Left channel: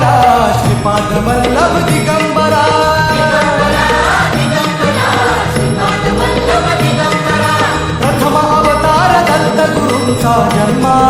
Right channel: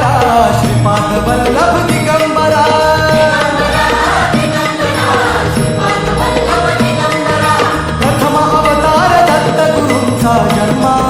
दिगंबरा श्रीपाद वल्लभ दिगंबरा. प्रथम अवतार दत्त गुरूंचा जन्मा.